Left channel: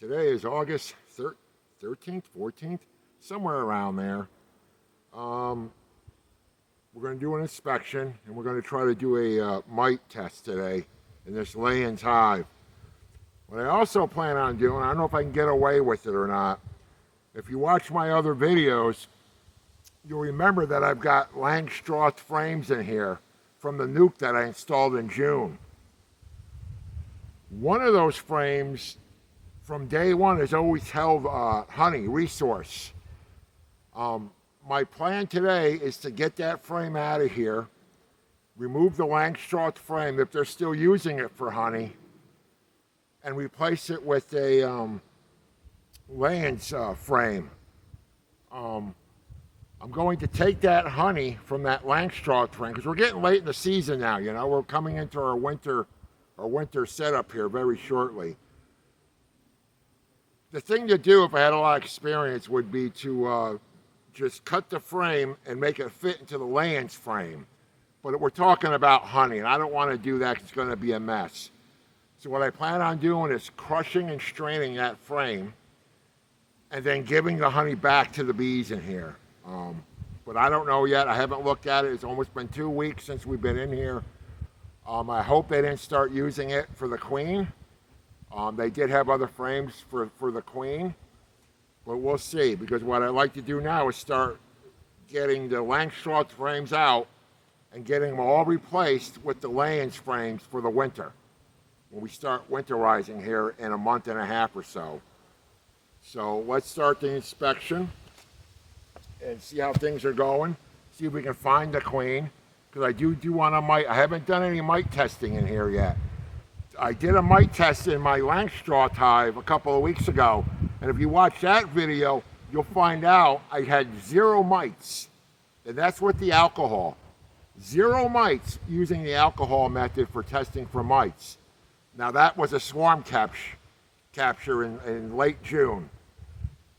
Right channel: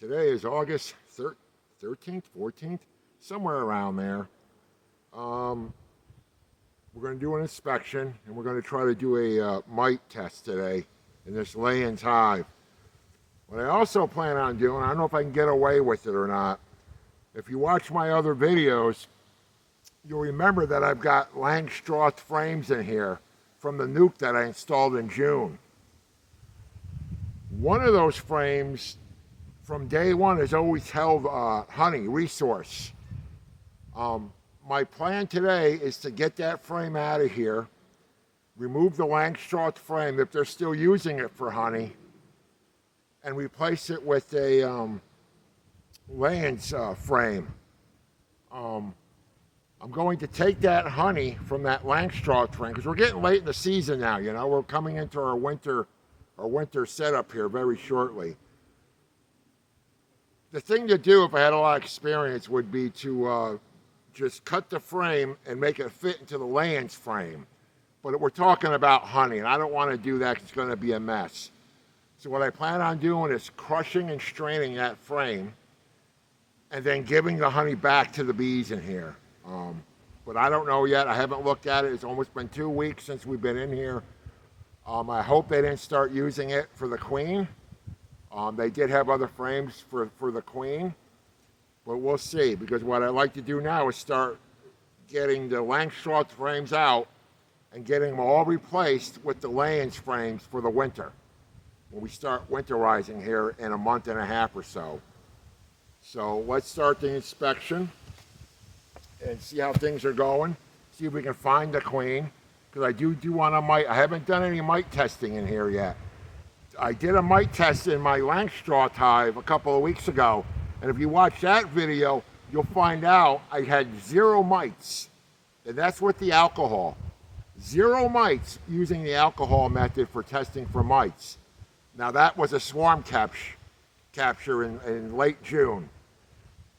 Today is August 13th, 14th, somewhere around there. Um, we're going to do an inspection, and we're going to try to do a mite test today in this Layens hive. What I also plan on doing, I don't know if I can get away with it or not. If you watch my other videos, you'll remember that I've got Langstroth frames in here from the nuke that I installed in June. One of those frames from day one has always held honey resource. My plan today is to get that frame out of here, remove the Langstroth frame if they're still using it for honey, and replace it with a Layens frame. I'm going to take that honey from that Langstroth frame because we're getting late in the season now. You know, we're coming into our winter setup here very shortly. The thing to do if I had a lot of experience would be to just cut the frame and make it fit into the Layens frame. But we're talking about honey, and I don't want to do that because it's going to be a mess. So what I plan on doing is crushing and straining that frame and then giving the honey back to the bees in here. But I don't know yet. I haven't looked at it. It's almost been 2 weeks since we've been in here. I hope they didn't start using it for the queen. They did have other frames for the queen, but we'll see, because what I'd like to do now is start getting the Langstroth frames out and getting them all replaced with the Layens frames for the winter, when we start winterizing here in a month and a half or so. So let's start the inspection and see how things are going, see if we can find the queen, because I do want a mite. I haven't done any mite testing in here yet. I did a mite test in my Langstroth hive a couple of weeks ago, and if you watch that video, you'll find out I had 0 mites, and that's with the alcohol. 0 mites using the alcohol method for testing for mites. Now that was a swarm capture in late June,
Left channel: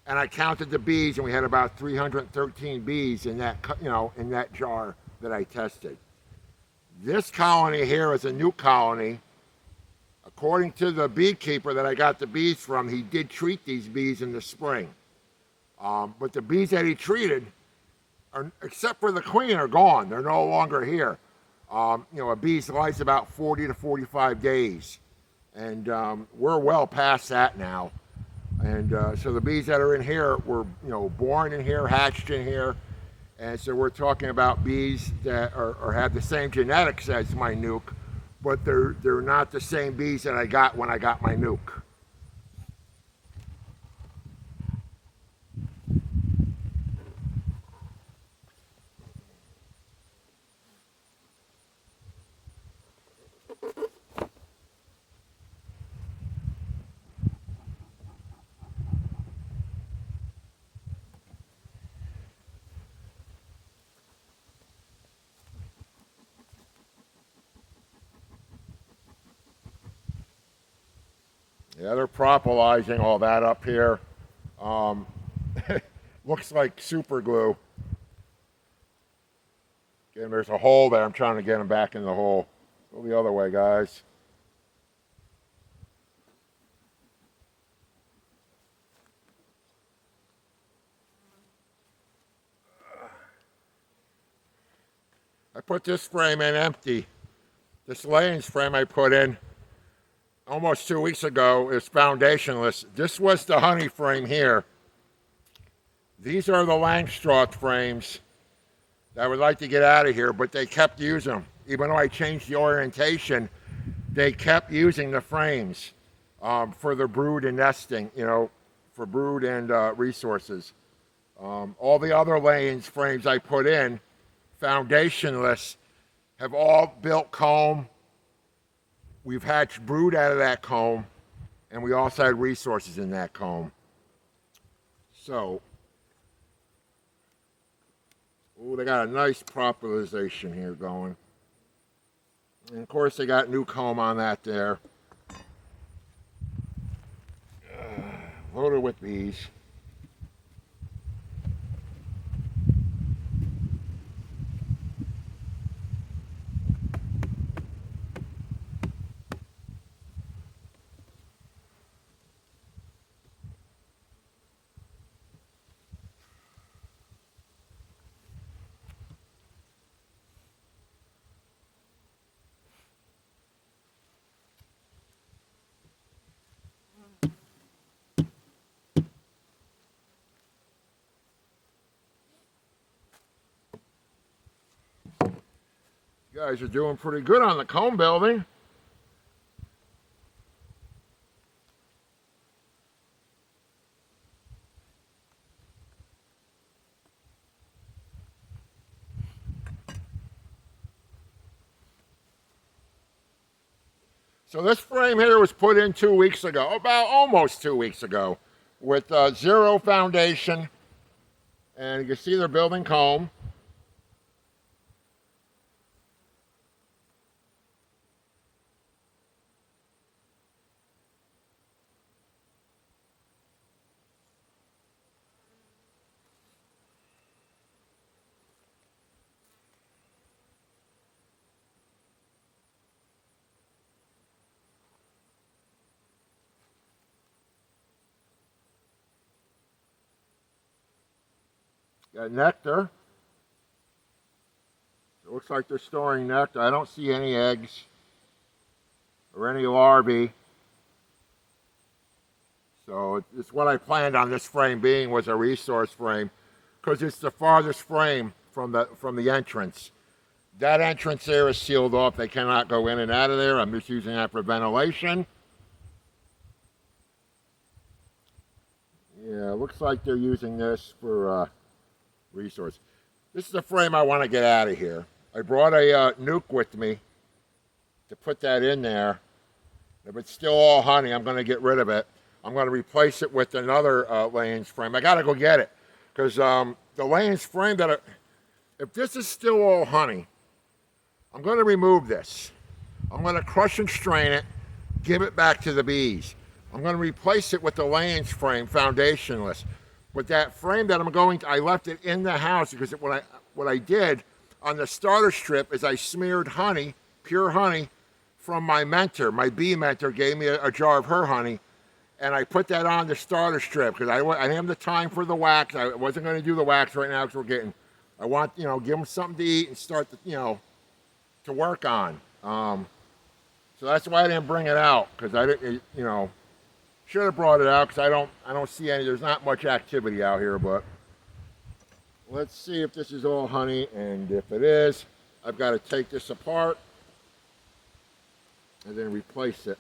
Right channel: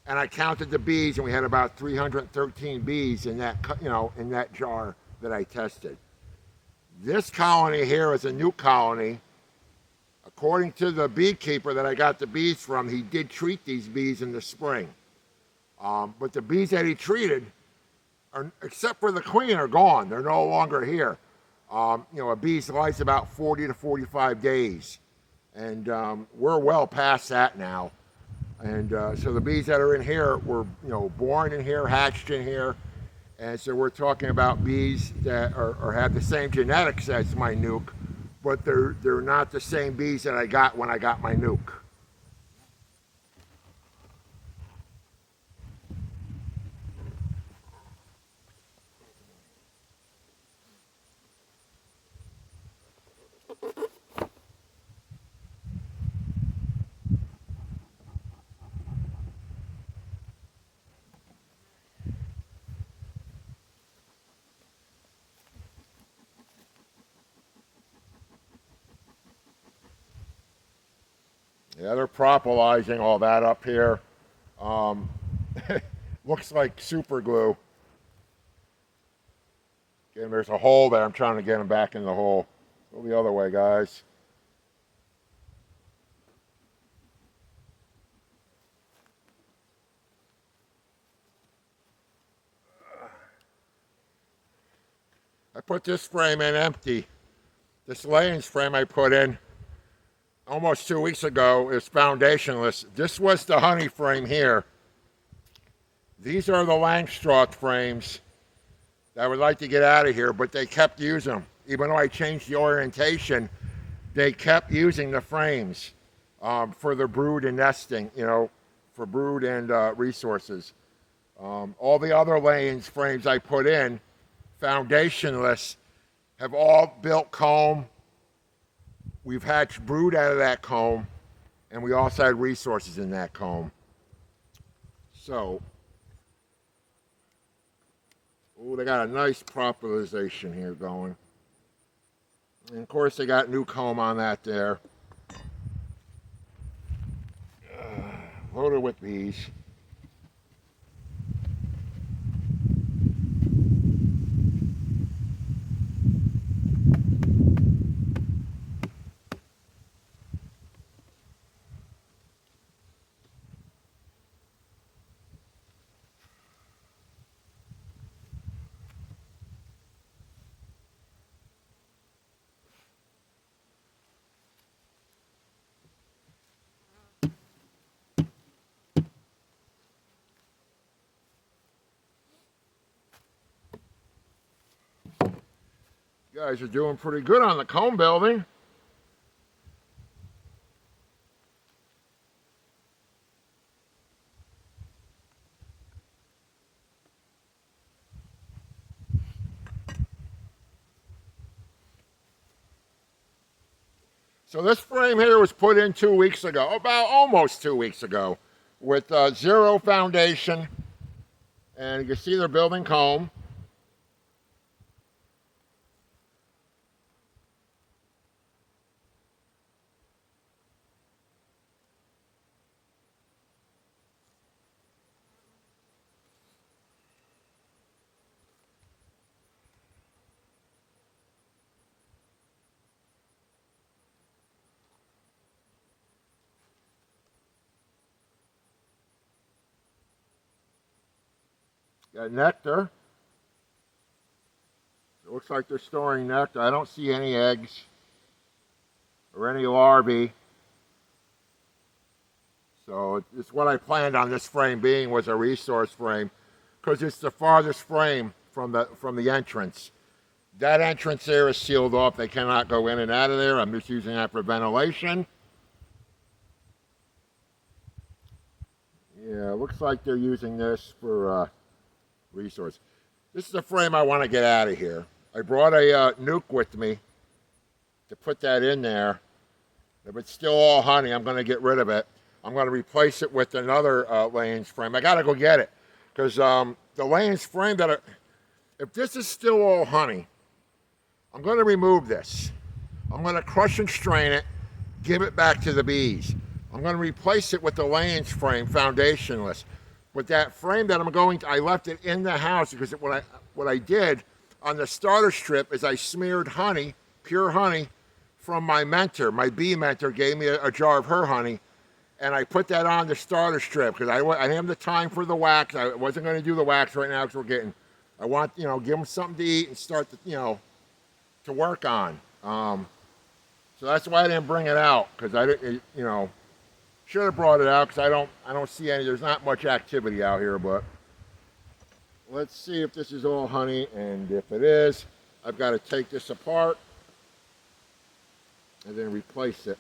and I counted the bees, and we had about 313 bees in that in that jar that I tested. This colony here is a new colony. According to the beekeeper that I got the bees from, he did treat these bees in the spring. But the bees that he treated, except for the queen, are gone. They're no longer here. A bee's life's about 40 to 45 days. And we're well past that now. And so the bees that are in here were, born in here, hatched in here. And so we're talking about bees that have the same genetics as my nuke, but they're not the same bees that I got when I got my nuke. Yeah, they're propolizing all that up here. Looks like super glue. And there's a hole there. I'm trying to get them back in the hole. Go the other way, guys. I put this frame in empty. This Layens frame I put in almost 2 weeks ago is foundationless. This was the honey frame here. These are the Langstroth frames that I would like to get out of here, but they kept using them. Even though I changed the orientation, they kept using the frames for the brood and nesting, for brood and resources. All the other Layens frames I put in, foundationless, have all built comb. We've hatched brood out of that comb, and we also had resources in that comb. So, they got a nice propolization here going. And of course, they got new comb on that there. Loaded with bees. Guys are doing pretty good on the comb building. So this frame here was put in 2 weeks ago, about almost 2 weeks ago, with zero foundation. And you can see they're building comb. Got nectar. It looks like they're storing nectar. I don't see any eggs or any larvae. So it's what I planned on this frame being, was a resource frame, because it's the farthest frame from the entrance. That entrance there is sealed off. They cannot go in and out of there. I'm just using that for ventilation. Yeah, it looks like they're using this for resource. This is the frame I want to get out of here. I brought a nuke with me to put that in there. If it's still all honey, I'm going to get rid of it. I'm going to replace it with another Layens frame. I got to go get it, because the Layens frame if this is still all honey, I'm going to remove this. I'm going to crush and strain it, give it back to the bees. I'm going to replace it with the Layens frame, foundationless. But that frame that I left it in the house, because what I did on the starter strip is I smeared honey, pure honey, from my mentor. My bee mentor gave me a jar of her honey, and I put that on the starter strip because I didn't have the time for the wax. I wasn't going to do the wax right now because I want, give them something to eat and start, to work on. So that's why I didn't bring it out, because I didn't, should have brought it out, because I don't see any. There's not much activity out here, but let's see if this is all honey, and if it is, I've got to take this apart and then replace it.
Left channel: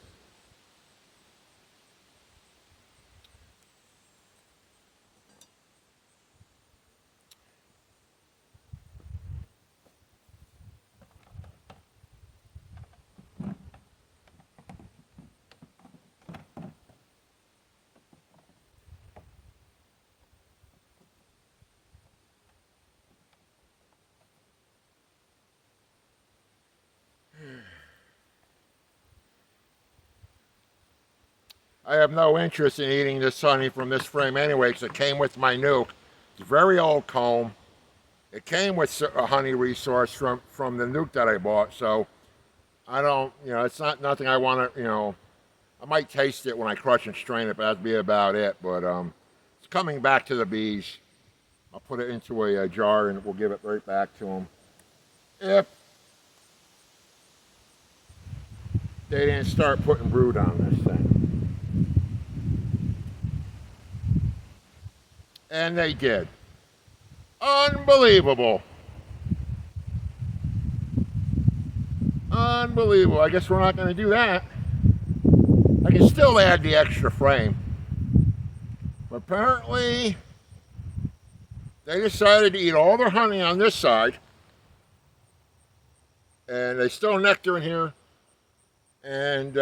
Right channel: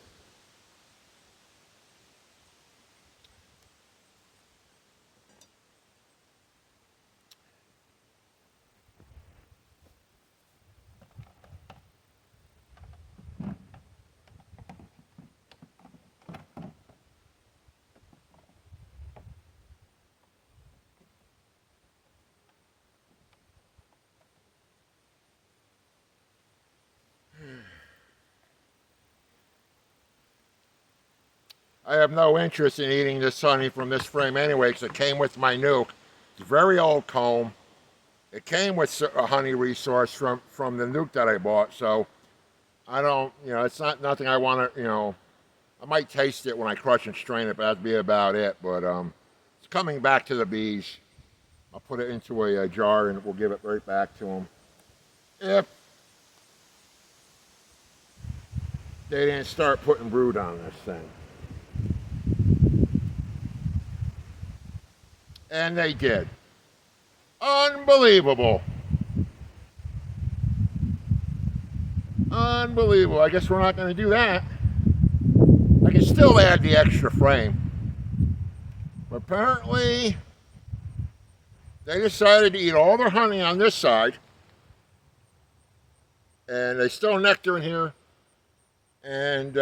I have no interest in eating this honey from this frame anyway, because it came with my nuke. It's a very old comb. It came with a honey resource from the nuke that I bought, so I don't, it's not nothing I want to, I might taste it when I crush and strain it, but that'd be about it. But it's coming back to the bees. I'll put it into a jar and we'll give it right back to them. If they didn't start putting brood on this thing. And they did. Unbelievable. Unbelievable. I guess we're not going to do that. I can still add the extra frame. But apparently, they decided to eat all their honey on this side. And they still nectar in here. And,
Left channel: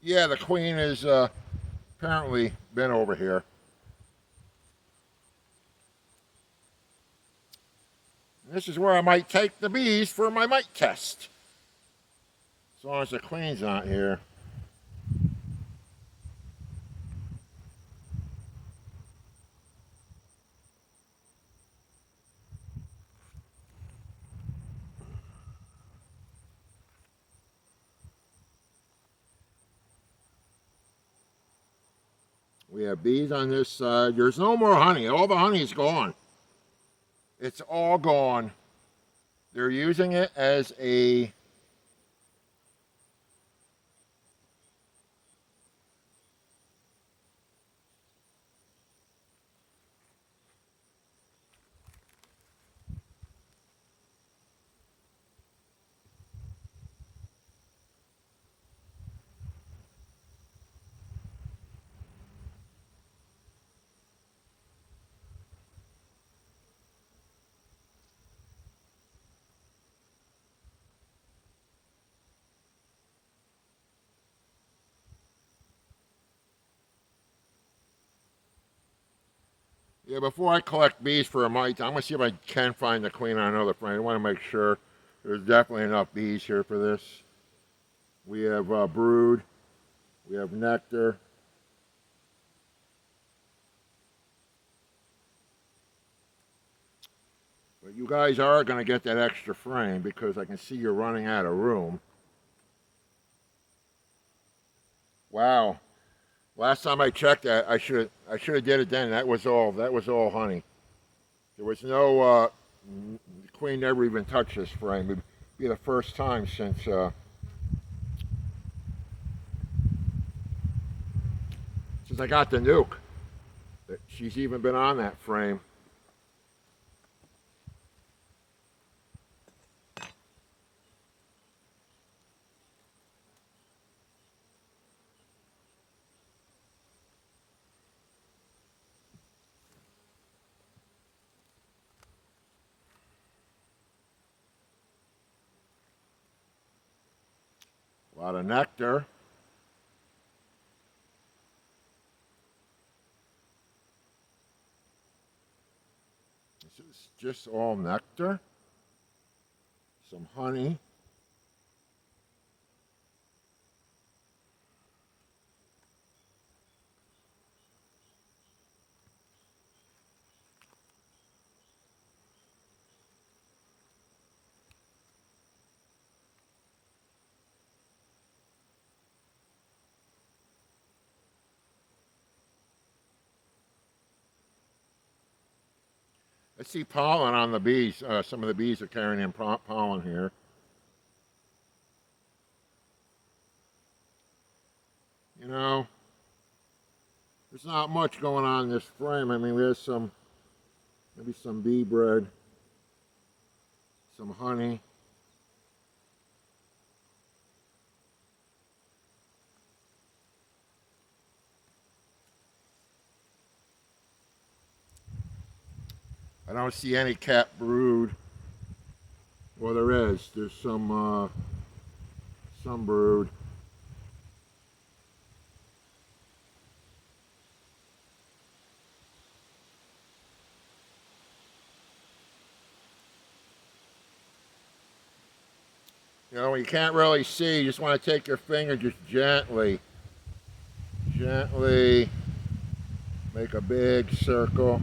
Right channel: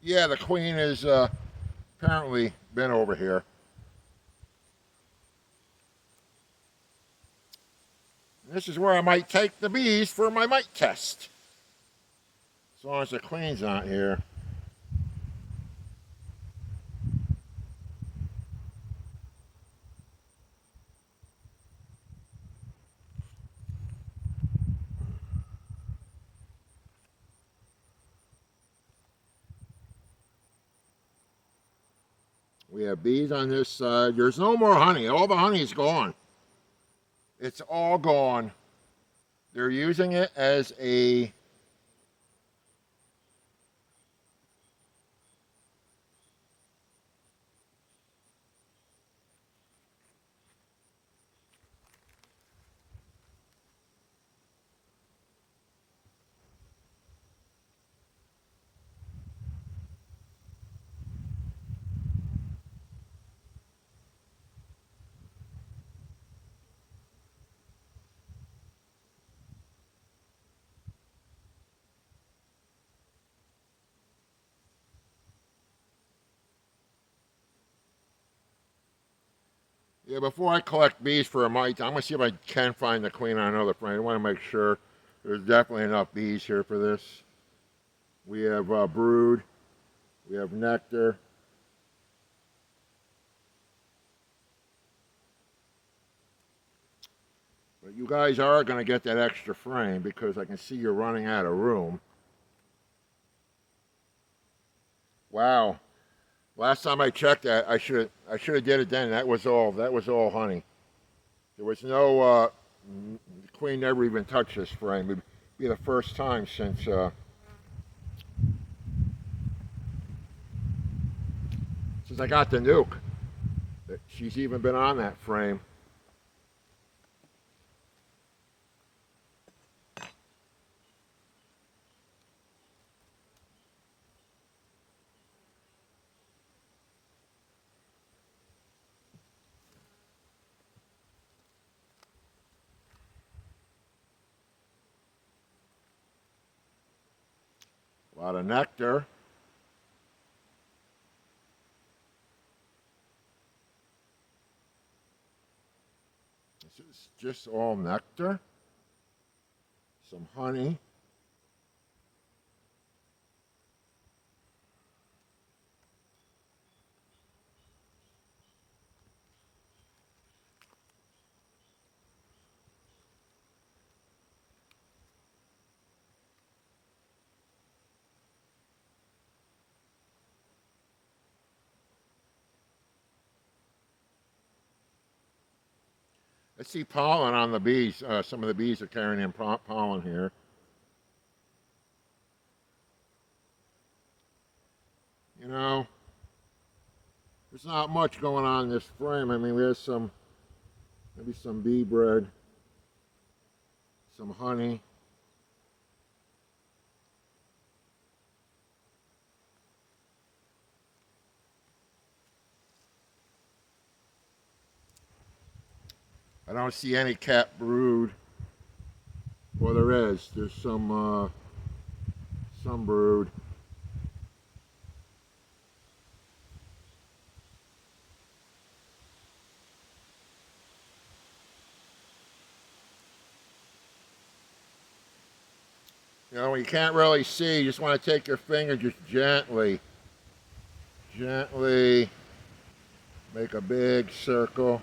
yeah, the queen has apparently been over here. This is where I might take the bees for my mite test. As long as the queen's not here. We have bees on this side. There's no more honey. All the honey is gone. It's all gone. They're using it as a Yeah, before I collect bees for a mite, I'm gonna see if I can find the queen on another frame. I want to make sure there's definitely enough bees here for this. We have brood, we have nectar. But you guys are gonna get that extra frame because I can see you're running out of room. Wow. Last time I checked that, I should have did it then. That was all honey. There was no the queen never even touched this frame. It'd be the first time since I got the nuke that she's even been on that frame. A lot of nectar. This is just all nectar. Some honey. I see pollen on the bees. Some of the bees are carrying in pollen here. You know, there's not much going on in this frame. I mean, there's maybe some bee bread, some honey. I don't see any cat brood. Well, there is. There's some brood. You know, you can't really see. You just want to take your finger, just gently make a big circle.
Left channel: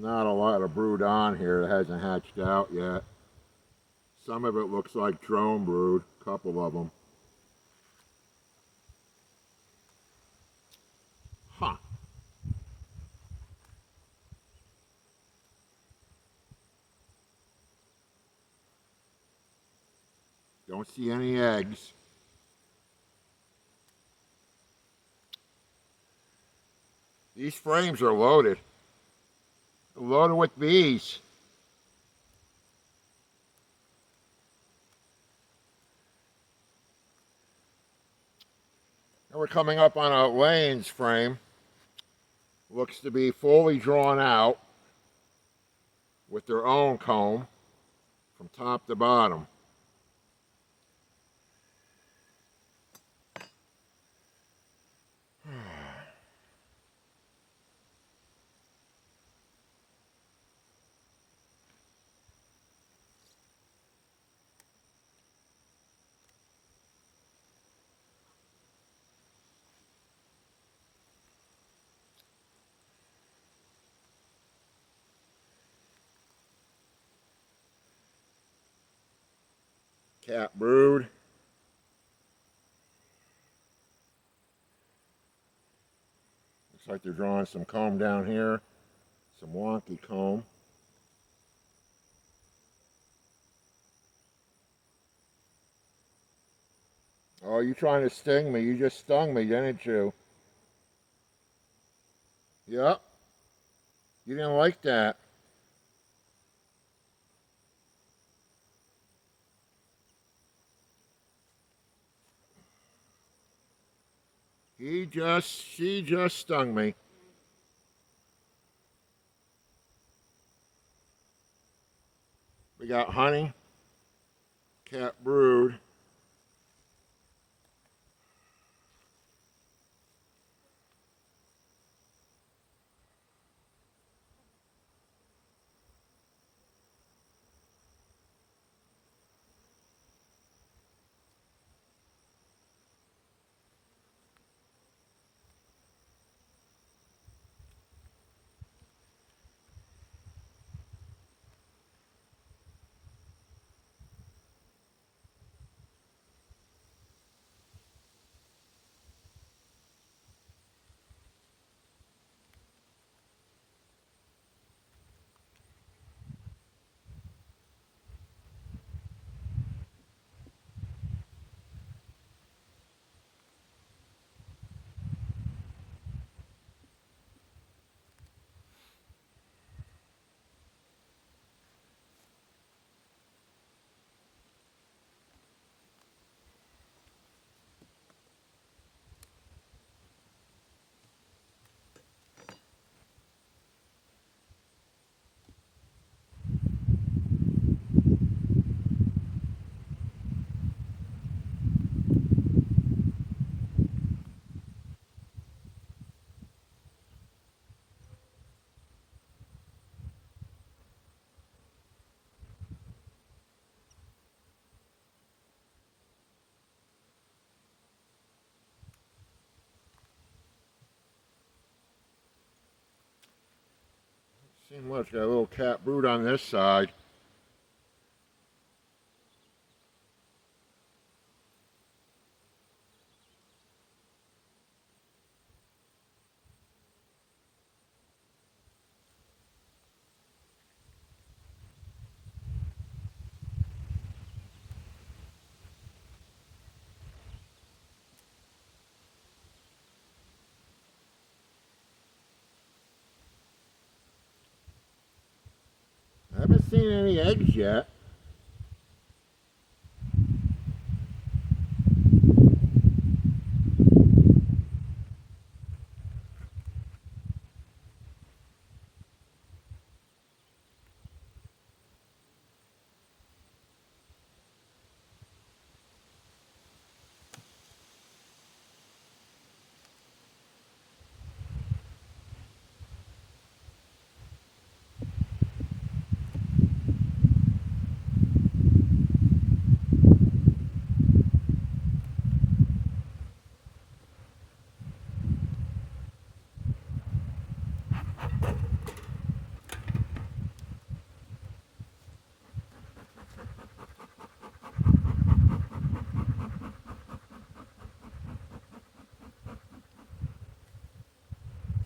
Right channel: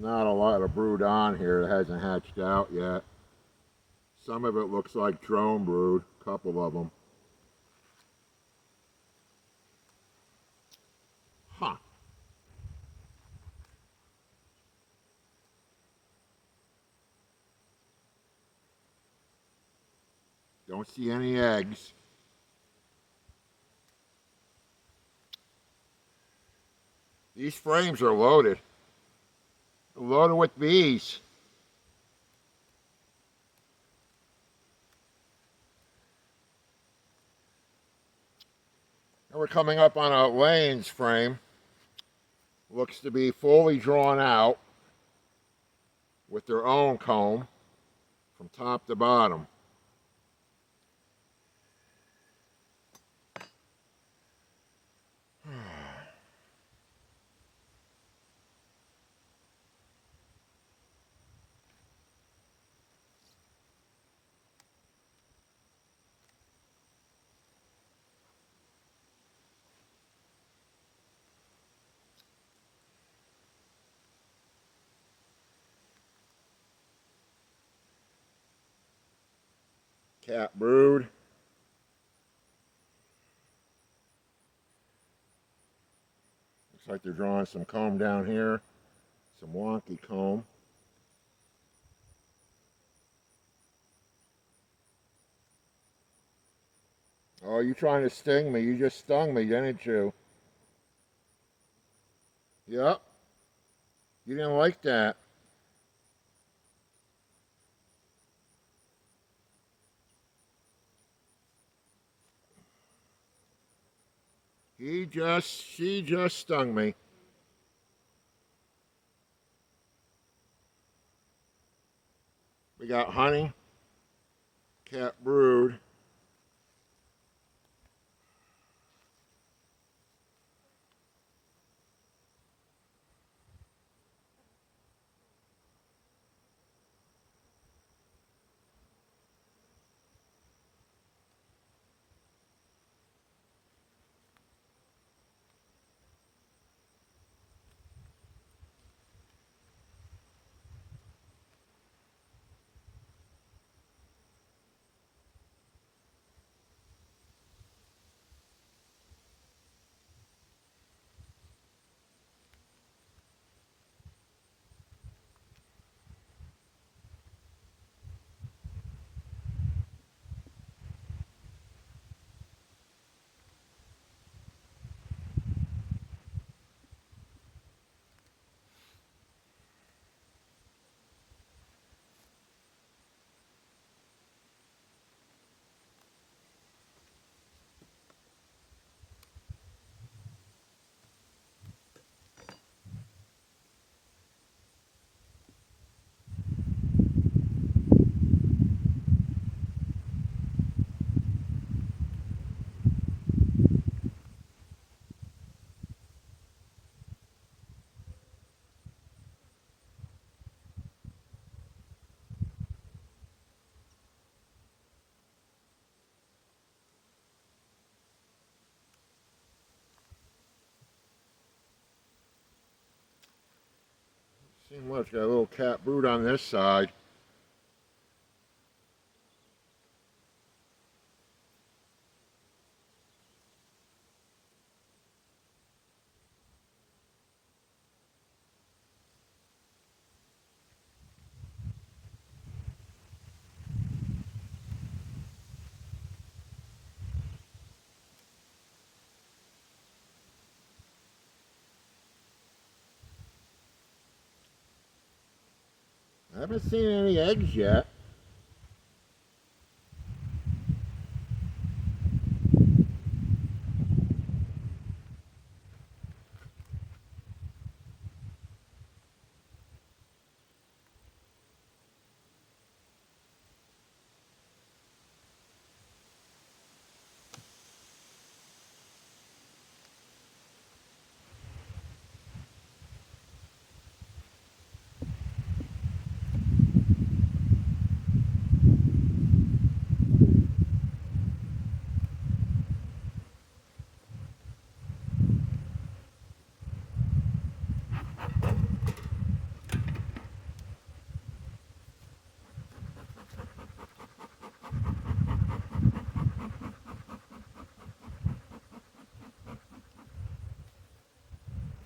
Not a lot of brood on here that hasn't hatched out yet. Some of it looks like drone brood, a couple of them. Huh. Don't see any eggs. These frames are loaded. Loaded with bees. And we're coming up on a Layens frame. Looks to be fully drawn out with their own comb from top to bottom. Cat brood. Looks like they're drawing some comb down here. Some wonky comb. Oh, you trying to sting me? You just stung me, didn't you? Yep. You didn't like that. She just stung me. We got honey, cat brood. See much. Got a little cat brood on this side. I haven't seen any eggs yet.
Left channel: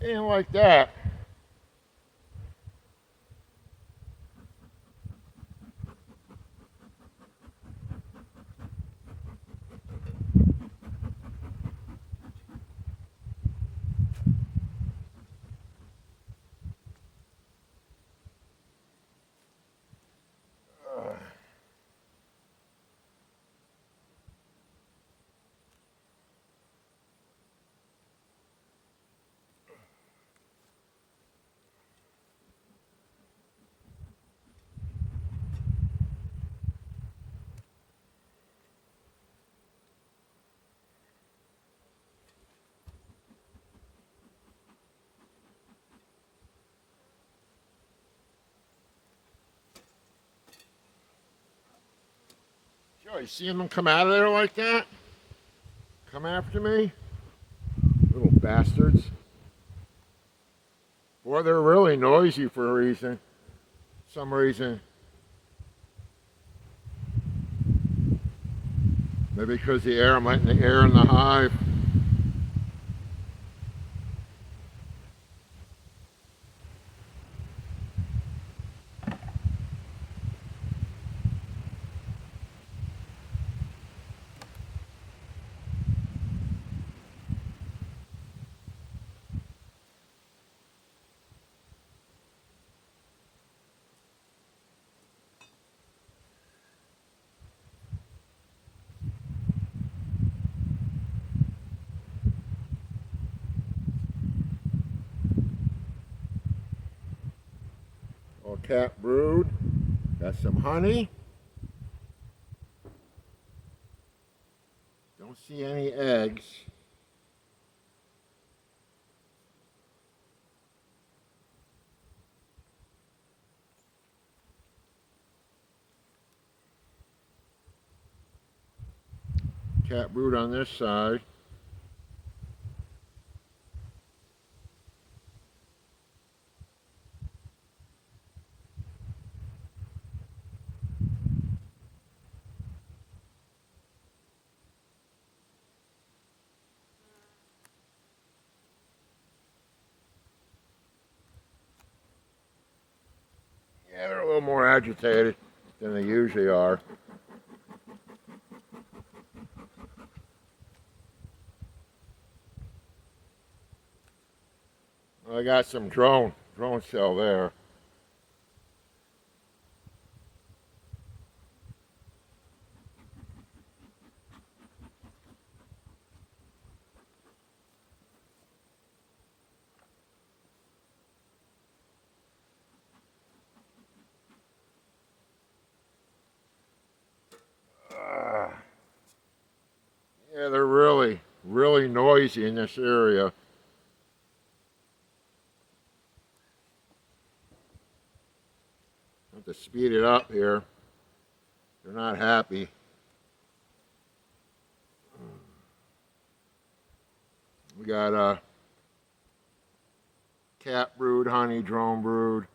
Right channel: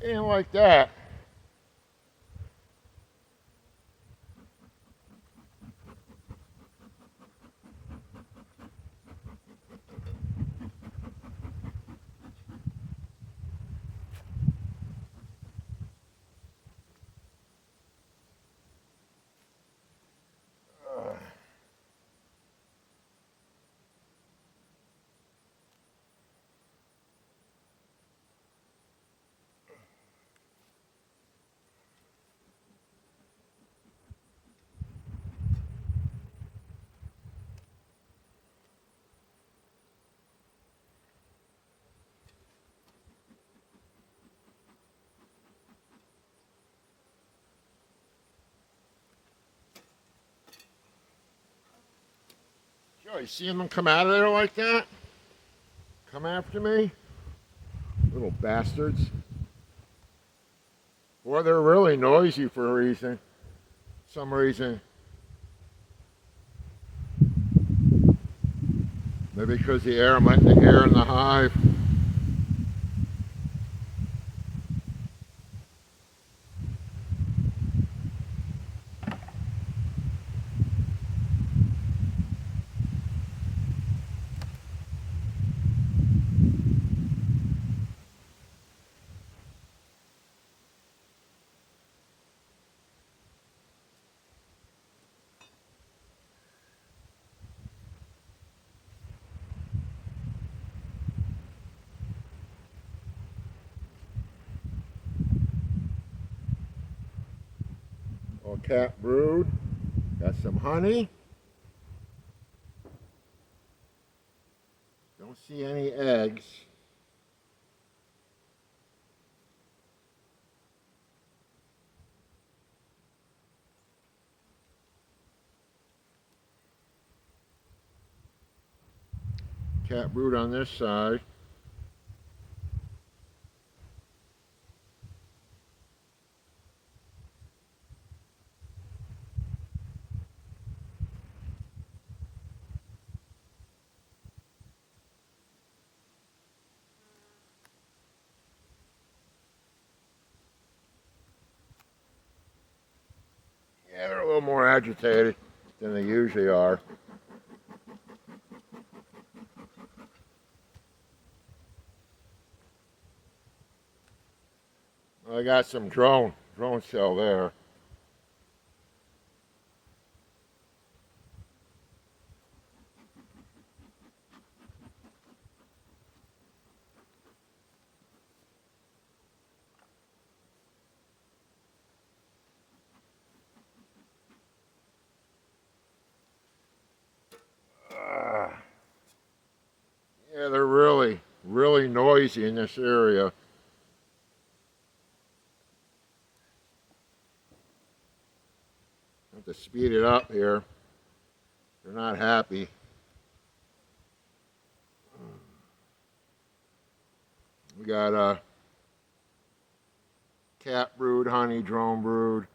Ain't like that. Joe, you seeing them come out of there like that? Come after me? Little bastards. Boy, they're really noisy for a reason. Some reason. Maybe because the air, the air in the hive. Or cat brood. Got some honey. Don't see any eggs. Cat brood on this side. Yeah, they're a little more agitated than they usually are. I got some drone cell there. Yeah, they're really noisy in this area. Have to speed it up here. They're not happy. We got a cat brood, honey, drone brood.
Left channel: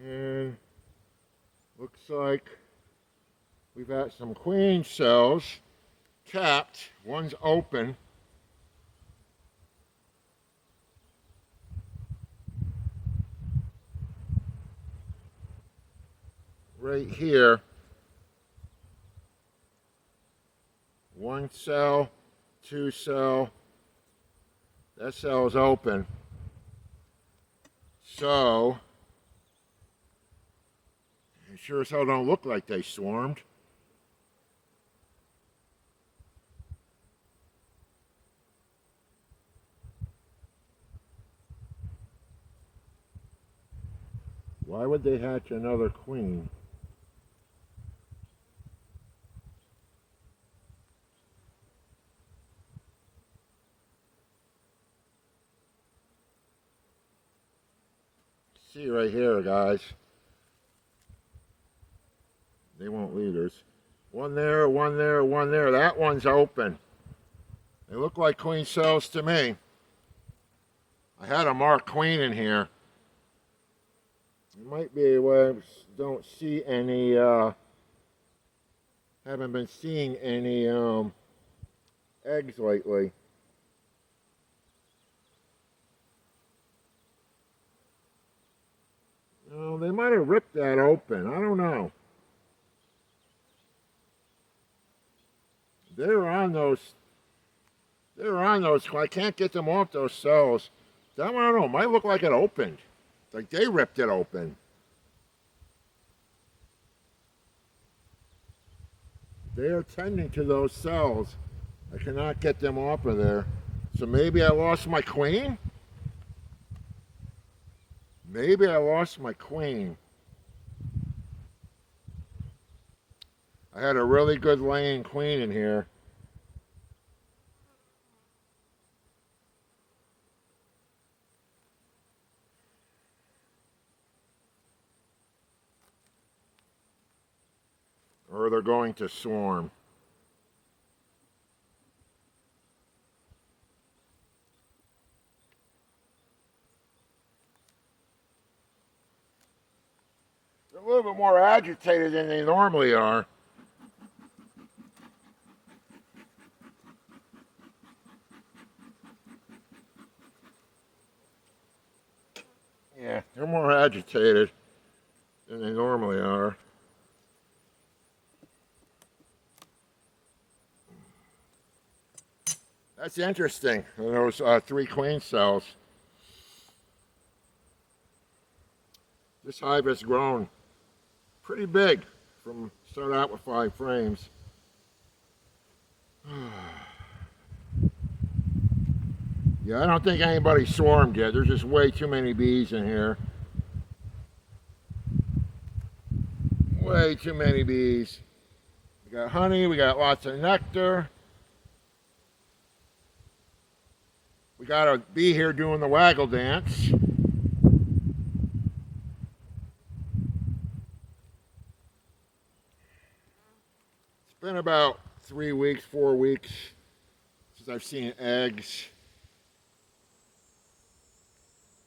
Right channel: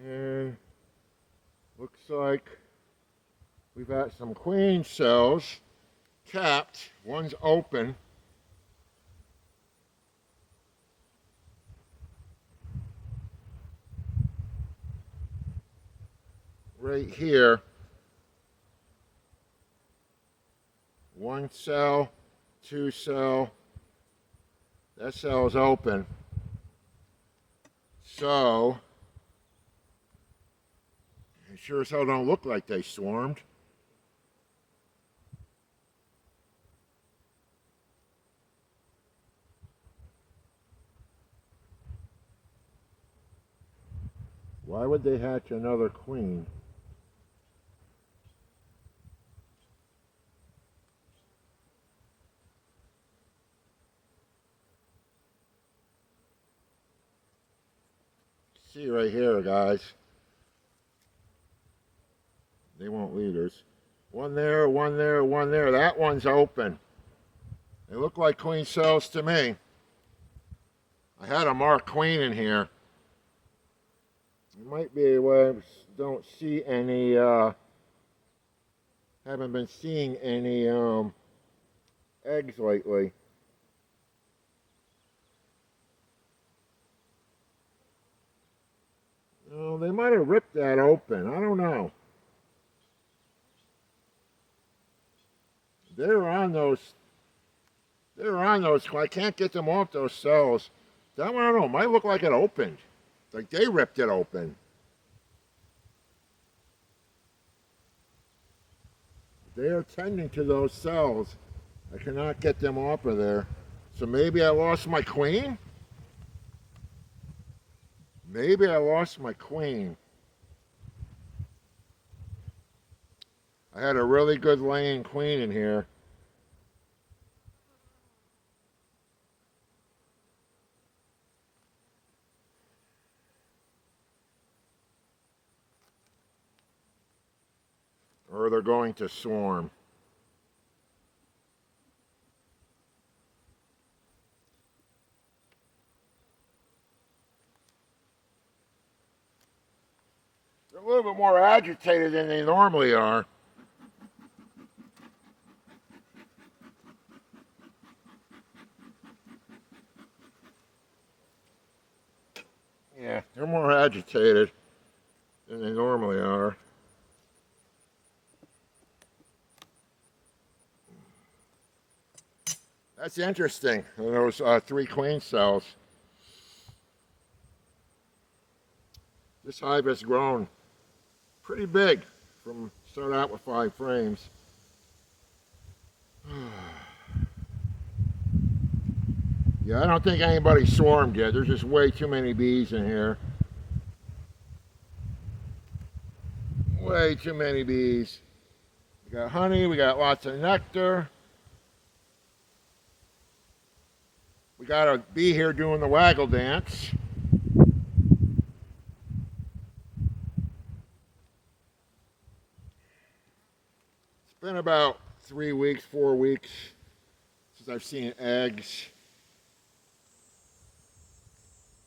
And looks like we've got some queen cells capped. One's open. Right here. One cell, two cell. That cell is open. So, it sure as hell don't look like they swarmed. Why would they hatch another queen? See right here, guys. They won't leaders. One there, one there, one there. That one's open. They look like queen cells to me. I had a marked queen in here. It might be where I don't see any, haven't been seeing any eggs lately. Oh, they might have ripped that open. I don't know. They were on those. They were on those. I can't get them off those cells. That one, I don't know. Might look like it opened. Like they ripped it open. They are tending to those cells. I cannot get them off of there. So maybe I lost my queen? Maybe I lost my queen. I had a really good laying queen in here. Or they're going to swarm. They're a little bit more agitated than they normally are. Yeah, they're more agitated than they normally are. That's interesting, those three queen cells. This hive has grown pretty big from start out with 5 frames. Yeah, I don't think anybody swarmed yet. There's just way too many bees in here. Way too many bees. We got honey, we got lots of nectar. We got a bee here doing the waggle dance. It's been about 3 weeks, 4 weeks since I've seen eggs.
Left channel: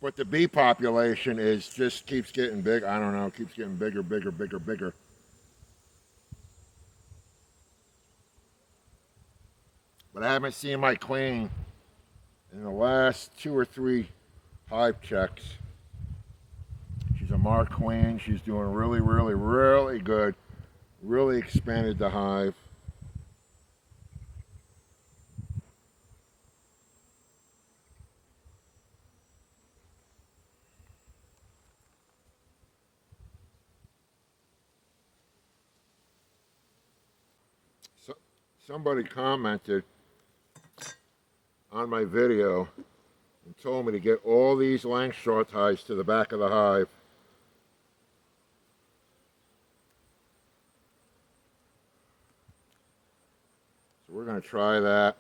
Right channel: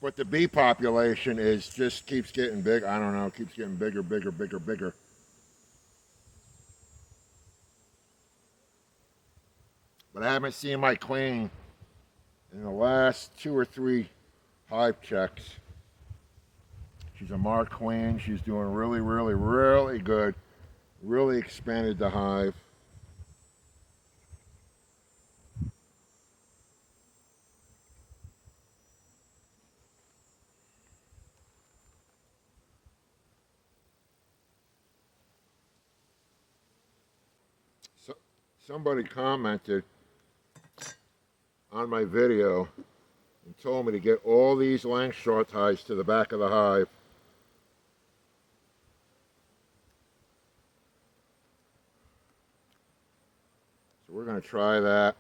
But the bee population is just keeps getting big. I don't know, keeps getting bigger, bigger, bigger, bigger. But I haven't seen my queen in the last 2 or 3 hive checks. She's a marked queen. She's doing really, really, really good. Really expanded the hive. So, somebody commented on my video and told me to get all these Langstroth ties to the back of the hive. So we're going to try that.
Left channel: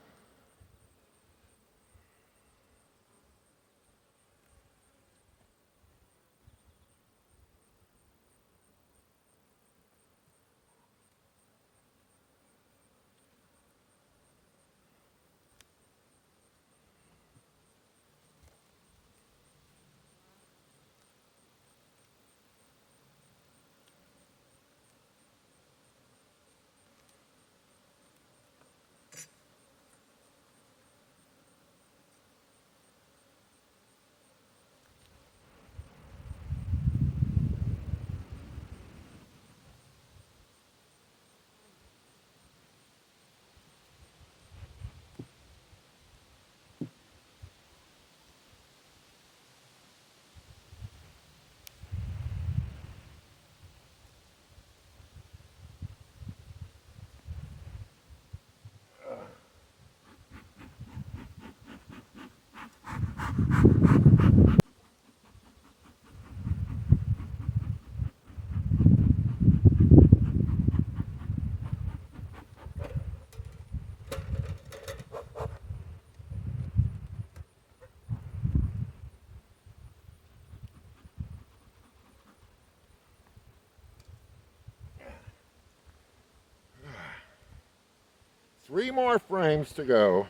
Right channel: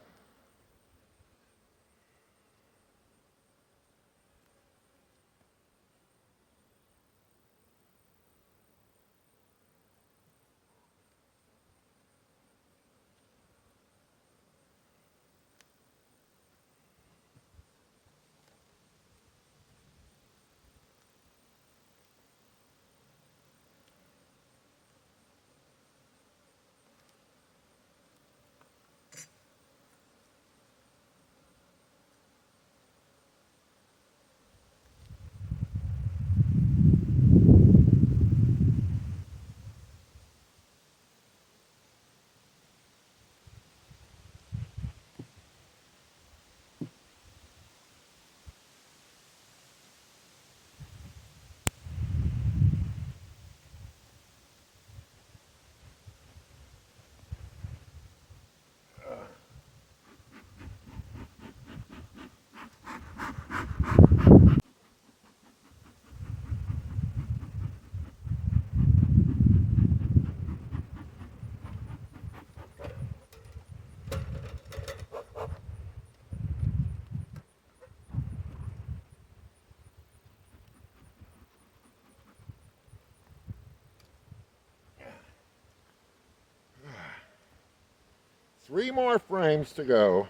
Three more frames to go.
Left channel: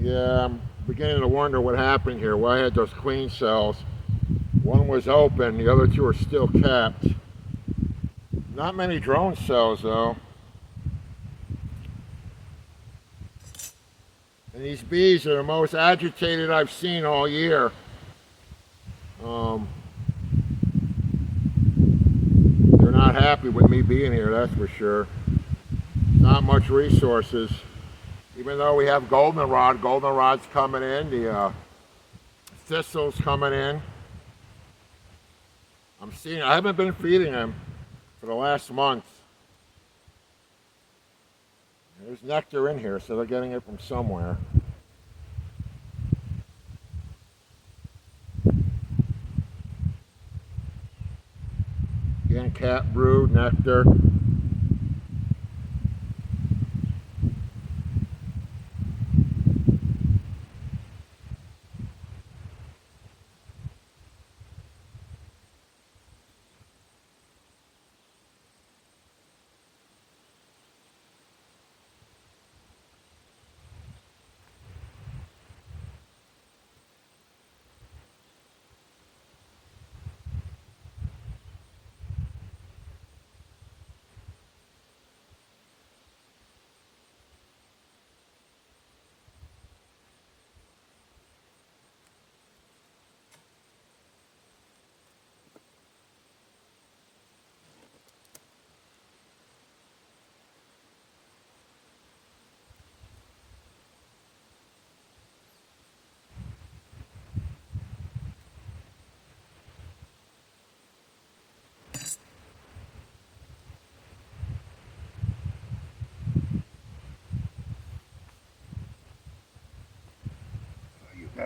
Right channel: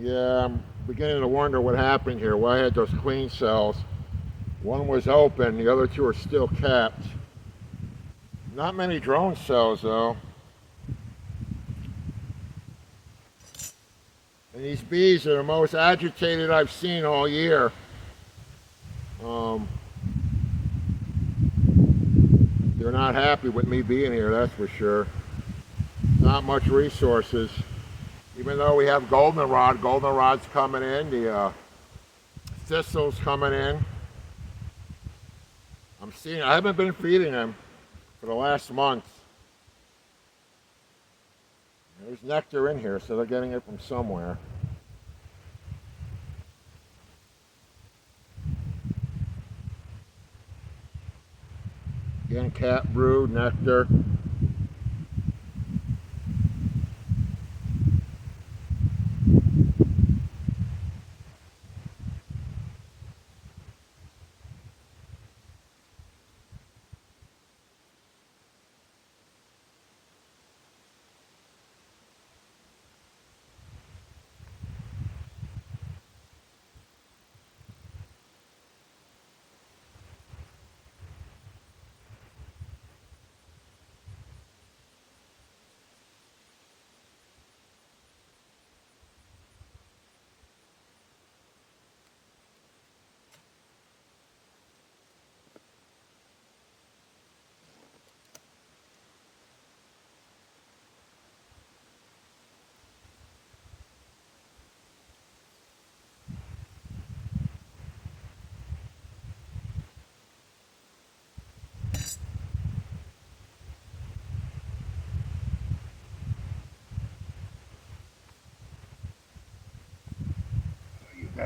Yeah, I'm beginning to wonder what happened here. Why I had those queen cells. One was open, the other 2 are still capped. Not many drone cells though. And these bees are the most agitated I've seen all year. They're not happy with me being here, that's for sure. Not much resources. Even though we have goldenrod's coming in, the thistle's coming in. I haven't been feeding them for the last month. There's nectar in here, so they're getting it from somewhere. Again, cat brood, nectar.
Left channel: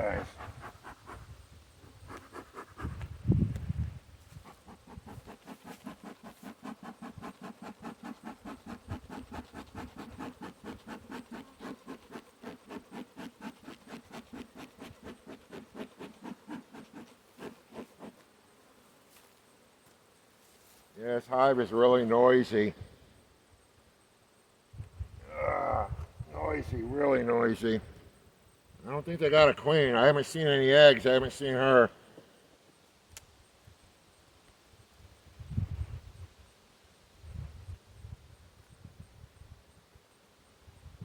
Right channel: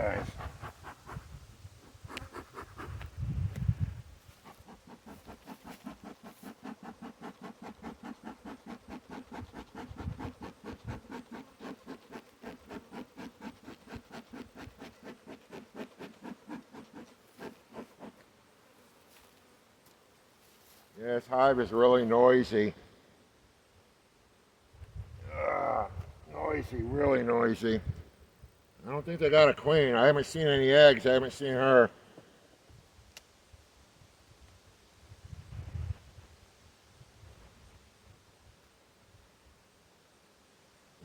guys. Yeah, this hive is really noisy. Noisy, really noisy. I don't think they got a queen. I haven't seen any eggs. I haven't seen her.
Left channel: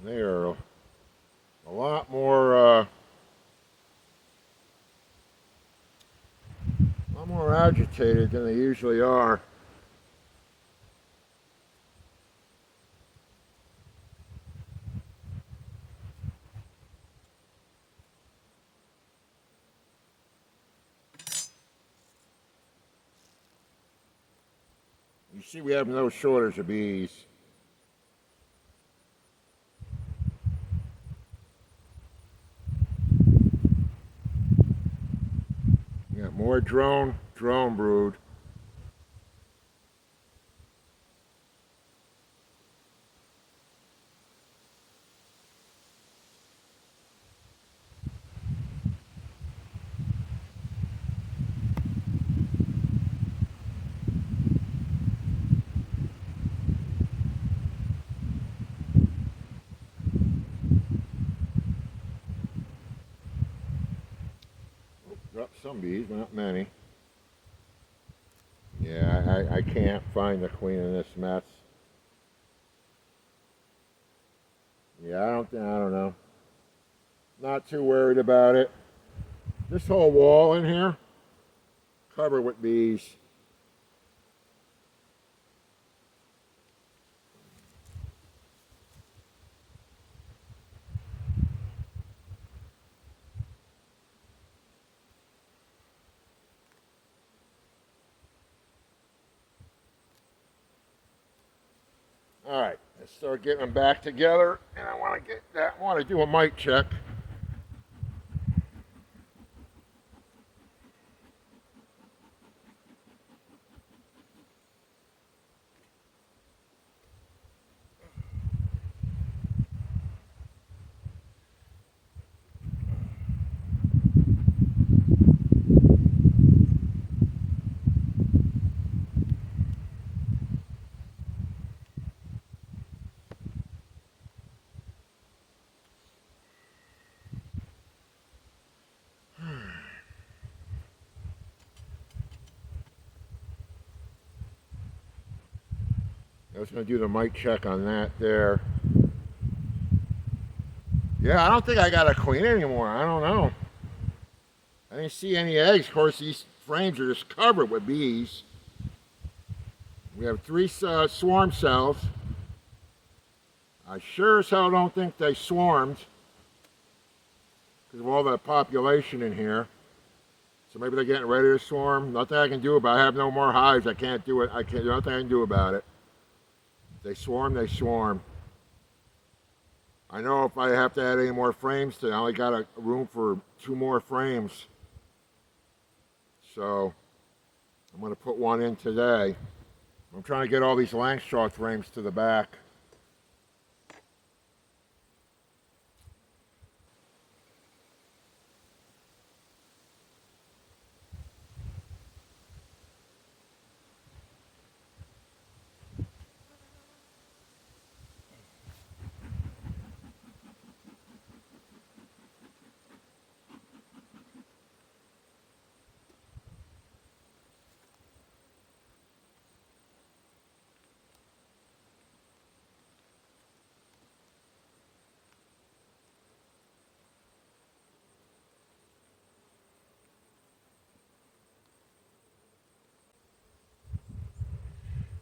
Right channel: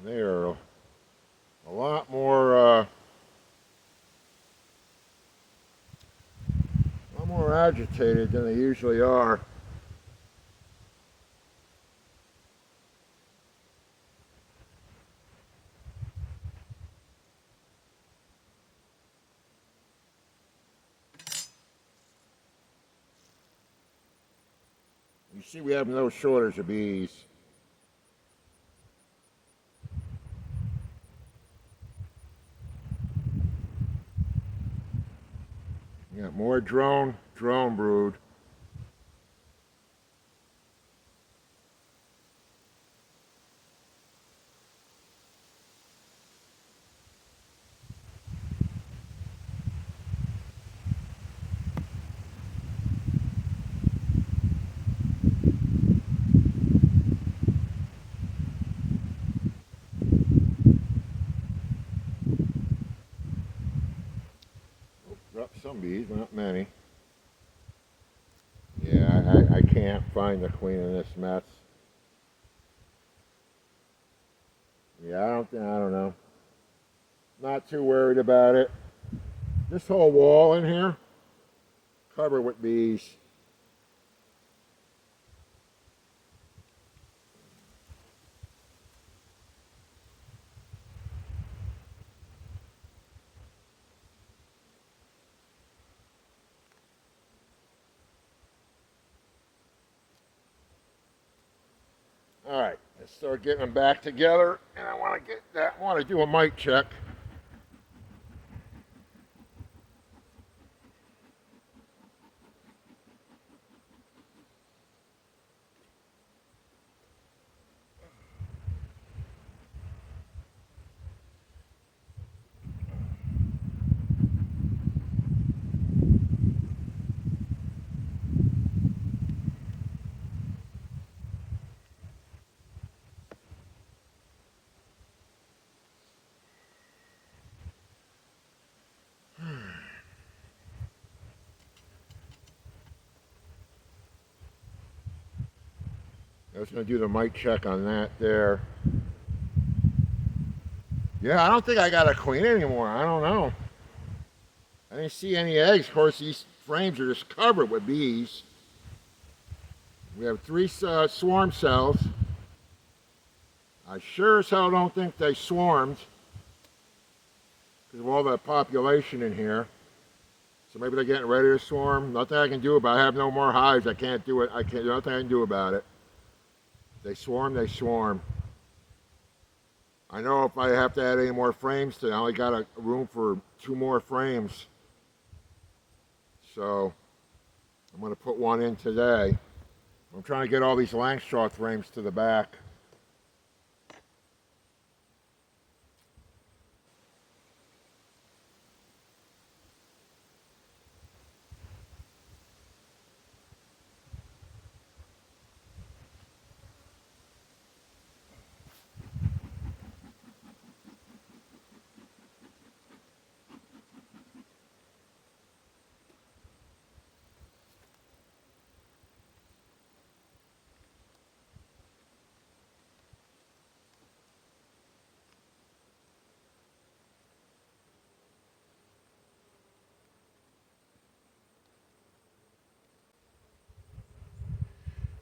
They are a lot more agitated than they usually are. You see, we have no shortage of bees. We got more drone brood. Dropped some bees, but not many. Yeah, I can't find the queen in this mess. Yeah, I don't know. Not too worried about it. This whole wall in here, covered with bees. All right, let's start getting them back together, and I want to do a mic check. I was going to do the mic check on that there. Yeah, I don't think I got a queen anymore. I don't know. I didn't see any eggs. Of course, these frames are just covered with bees. We have 3 swarm cells. I sure as hell don't think they swarmed because of all the population in here. So maybe they're getting ready to swarm. Nothing I can do about it. I have no more hives. I can't do it. Nothing I can do about it. They swarm, they swarm. I know if I have to add any more frames today, I only got a room for 2 more frames. So I'm going to put one in today. I'm trying to get all these Langstroth frames to the back.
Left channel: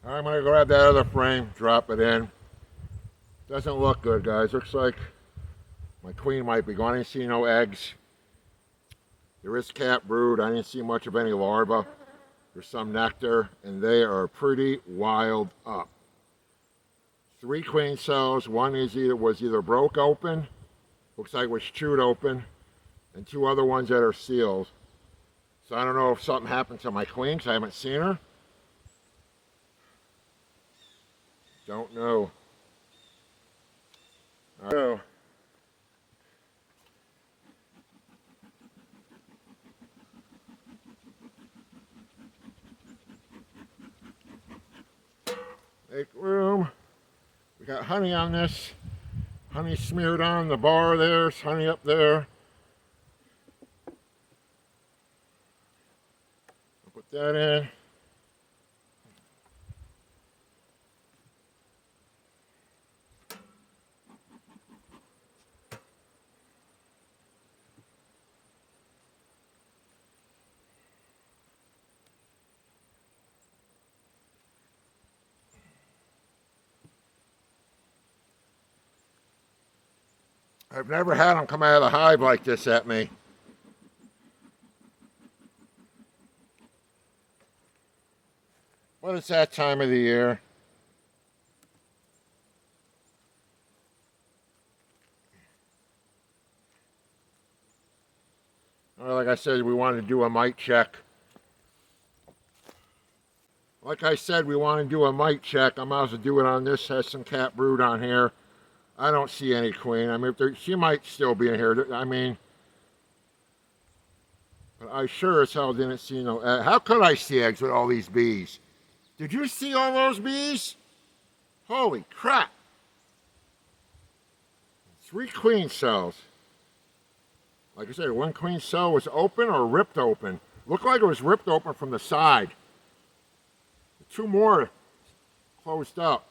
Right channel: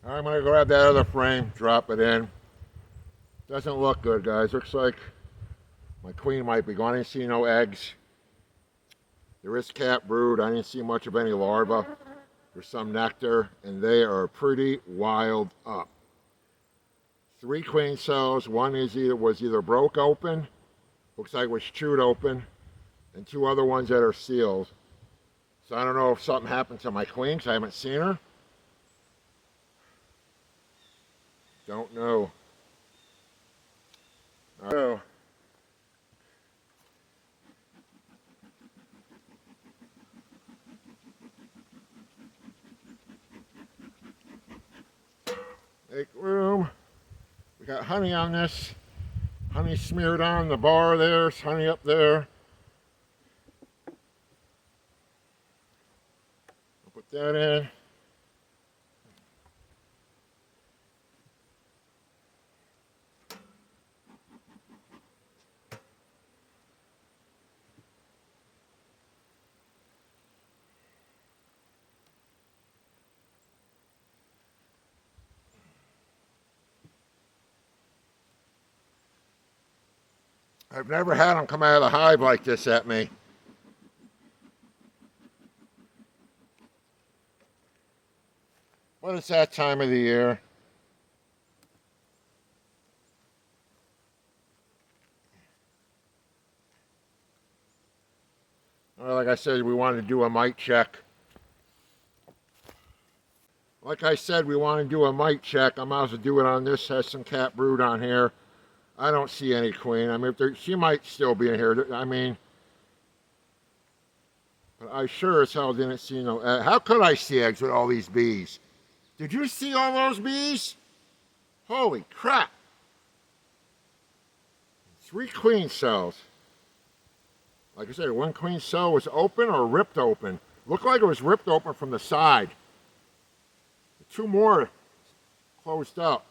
I'm going to grab that other frame, drop it in. Doesn't look good, guys. Looks like my queen might be gone. I didn't see no eggs. There is cat brood. I didn't see much of any larvae. There's some nectar, and they are pretty wild up. 3 queen cells. One was either broke open, looks like it was chewed open, and 2 other ones that are sealed. So I don't know if something happened to my queen because I haven't seen her. Don't know. All right. Make room. We got honey on this. Honey smeared on the bar there. There's honey up there. I'll put that in. I've never had them come out of the hive like this at me. But it's that time of the year. Like I said, we wanted to do a mite check. Like I said, we want to do a mite check. I might as well do it on this. Has some cat brood on here. I don't see any queen. I mean, she might still be in here. I mean, but I sure as hell didn't see no egg. How could I see eggs with all these bees? Did you see all those bees? Holy crap. 3 queen cells. Like I said, 1 queen cell was open or ripped open. Looked like it was ripped open from the side. 2 more closed up.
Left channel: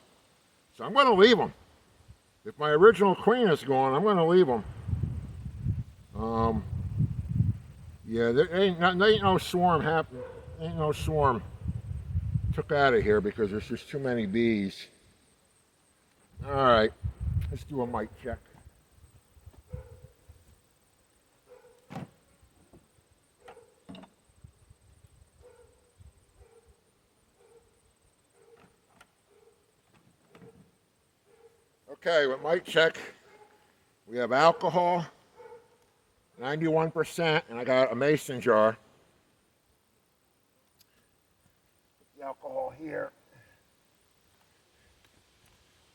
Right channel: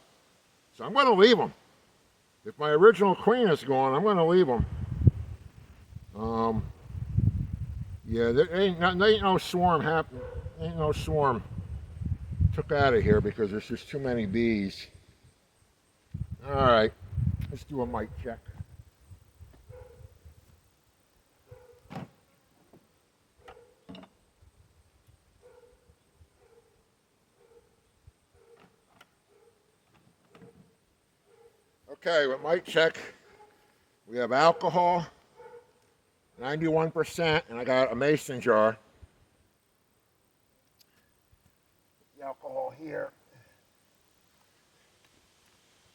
So I'm going to leave them. If my original queen is gone, I'm going to leave them. Yeah, there ain't no swarm happen. Ain't no swarm took out of here because there's just too many bees. All right, let's do a mite check. Okay, with mite check, we have alcohol, 91%, and I got a mason jar. Put the alcohol here.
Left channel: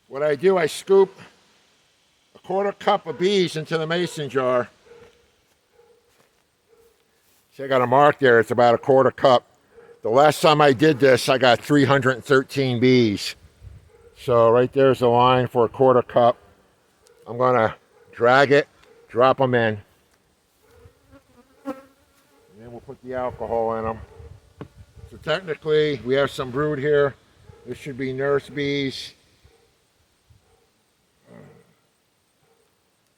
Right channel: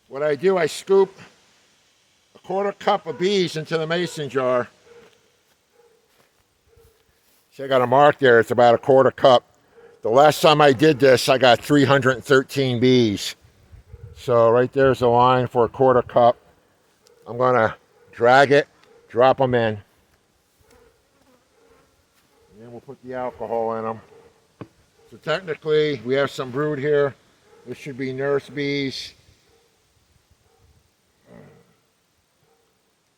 What I do, I scoop a 1/4 cup of bees into the mason jar. See, I got a mark there. It's about a 1/4 cup. The last time I did this, I got 313 bees. So right there's the line for a 1/4 cup. I'm going to drag it, drop them in. And then we'll put the alcohol in them. So technically, we have some brood here. This should be nurse bees.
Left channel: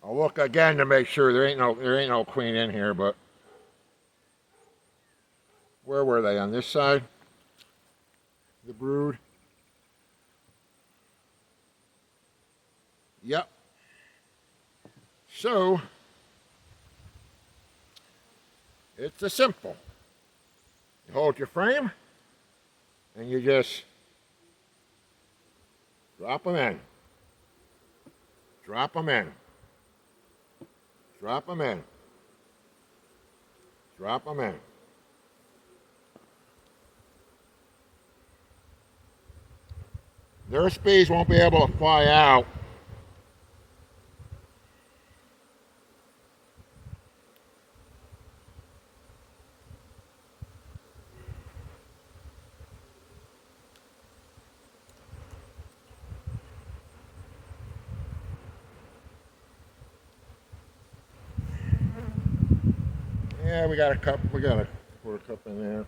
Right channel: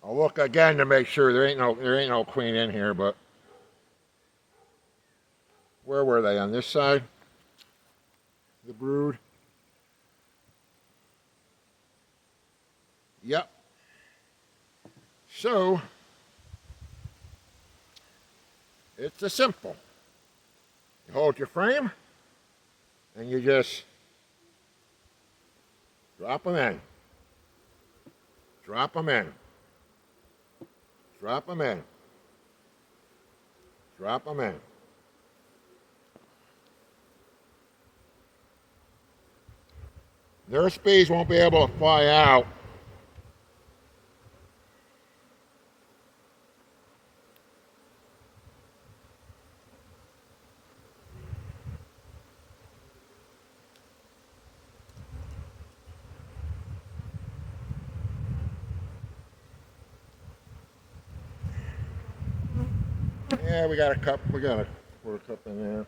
I'll look again to make sure there ain't no queen in here, but where were they? On this side? The brood? Yep. So it's a simple. You hold your frame and you just drop them in. Drop them in. Drop them in. Drop them in. Nurse bees won't be able to fly out. Yeah, we got a cup. We got a 1/4 cup in there.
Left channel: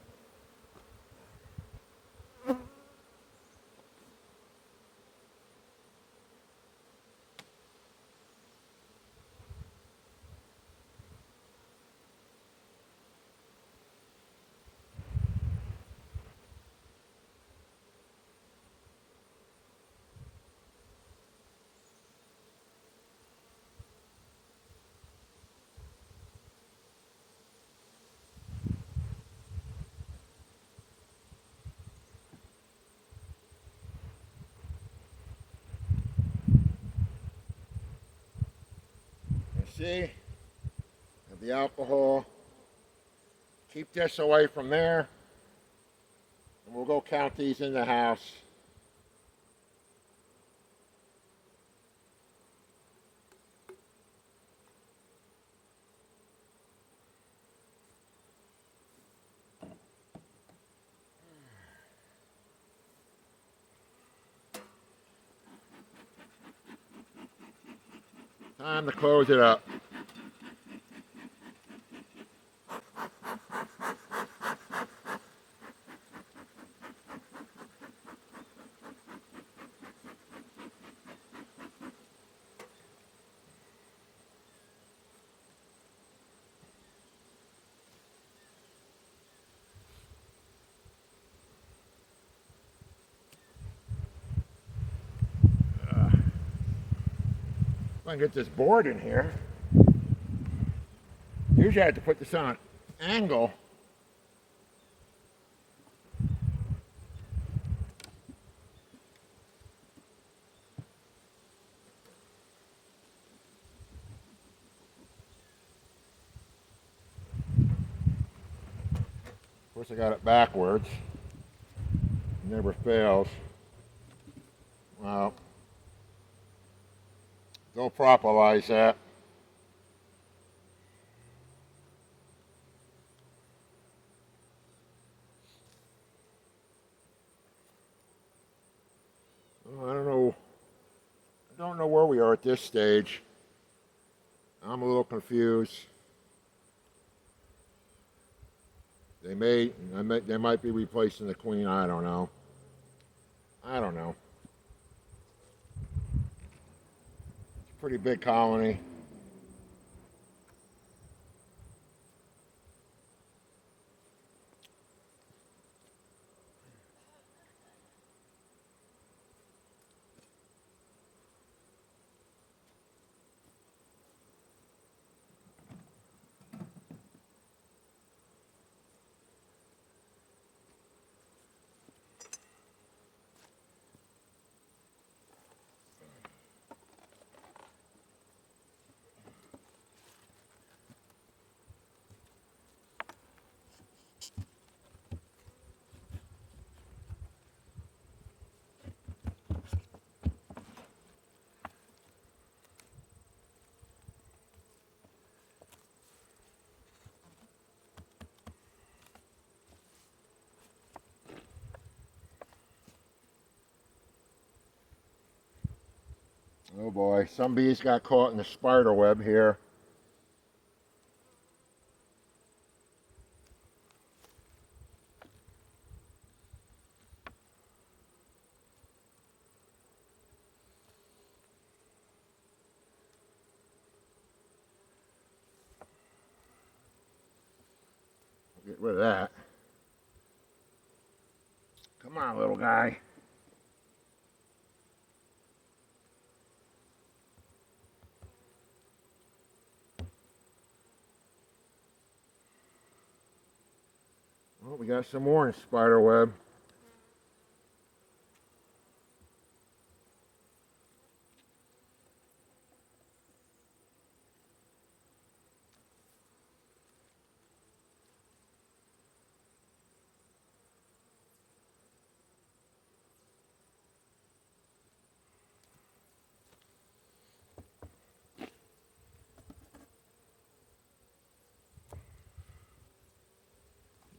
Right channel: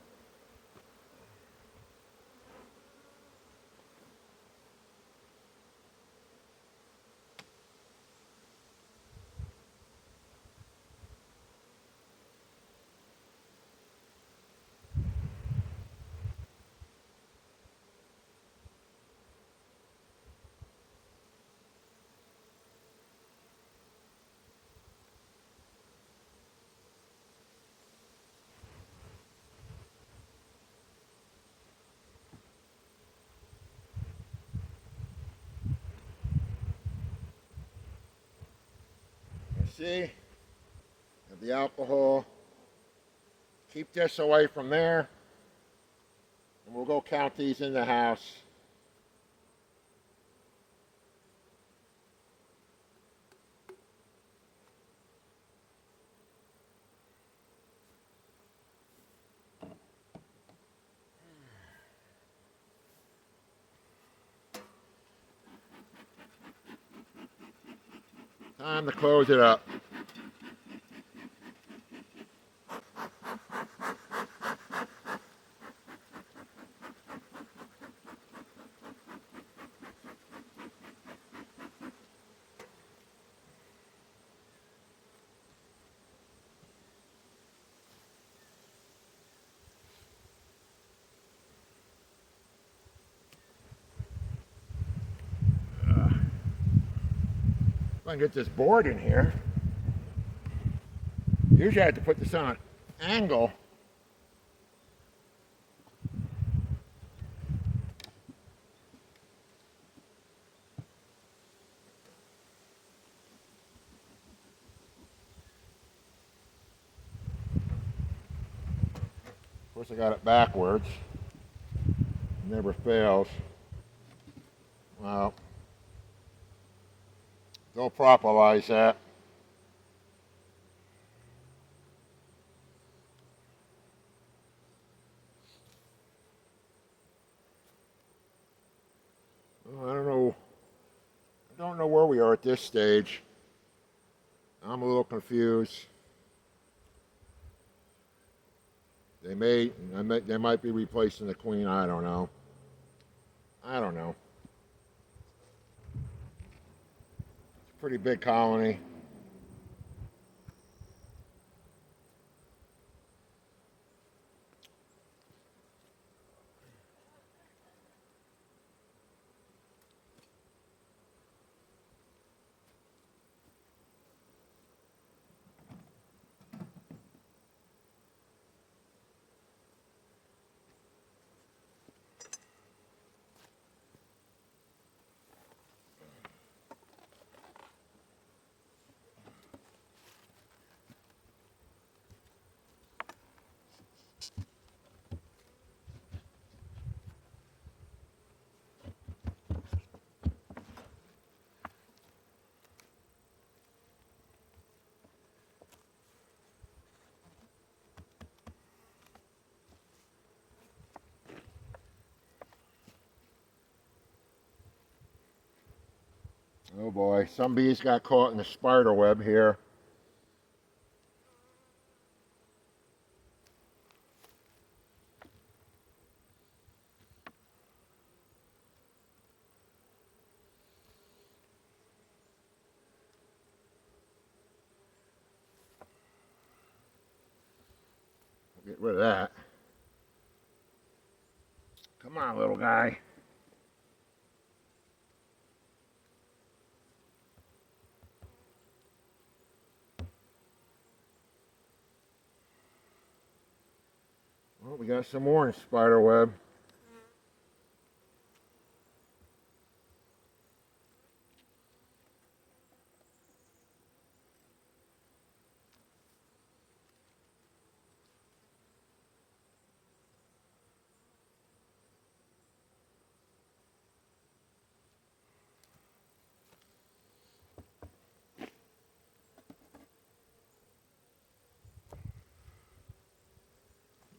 You see? the alcohol. Keep this away from there. And we'll go count these in the house. Time to close it up. If I can get this board in here. Usually I have to put this on an angle. Of course I got it backwards. Never fails. Well, don't properlize that. Well, I don't know where we are at this stage. I'm a little confused. They might be replacing the queen. I don't know. It's a pretty big colony. Oh boy, some bees got caught in the spider web here. Get rid of that. Come on, little guy. Well, we got some more in spider web.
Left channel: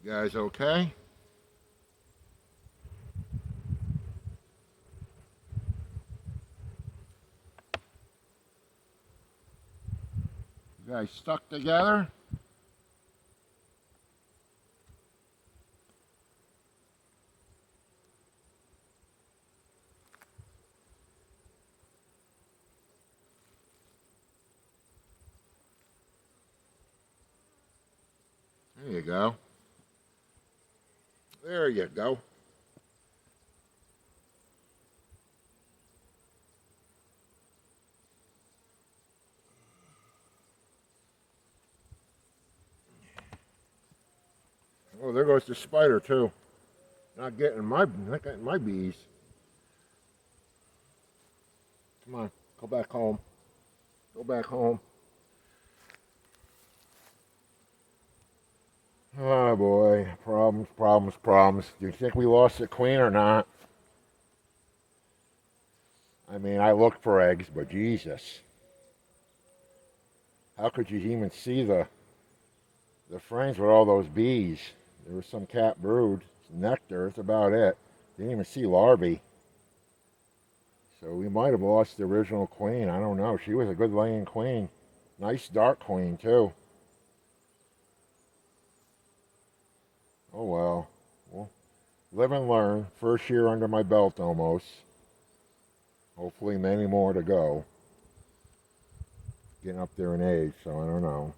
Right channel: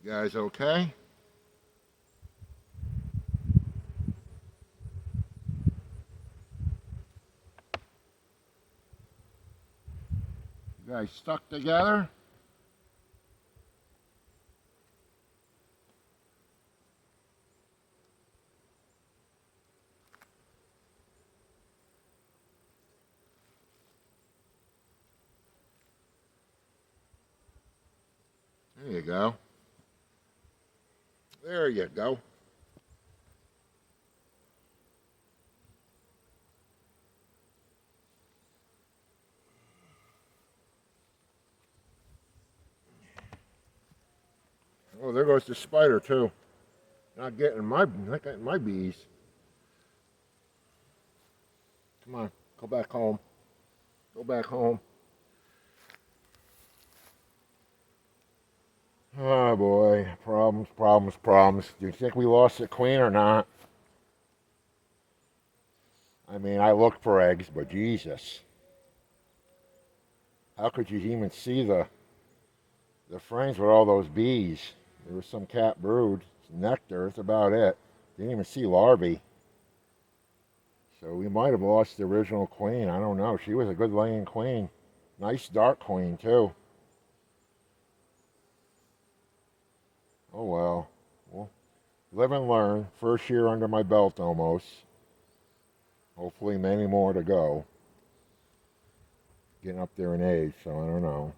You guys okay? You guys stuck together? There you go. There you go. Oh, there goes the spider too. Not getting my bees. Come on, go back home. Go back home. Oh boy, problems, problems, problems. Do you think we lost the queen or not? I mean, I looked for eggs, but Jesus. How could you even see the frames with all those bees? There was some cat brood, nectar, that's about it. Didn't even see larvae. So we might have lost the original queen. I don't know. She was a good laying queen. Nice dark queen, too. Oh well. Well, live and learn. First year under my belt almost. Hopefully many more to go. Getting up there in age, so I don't know.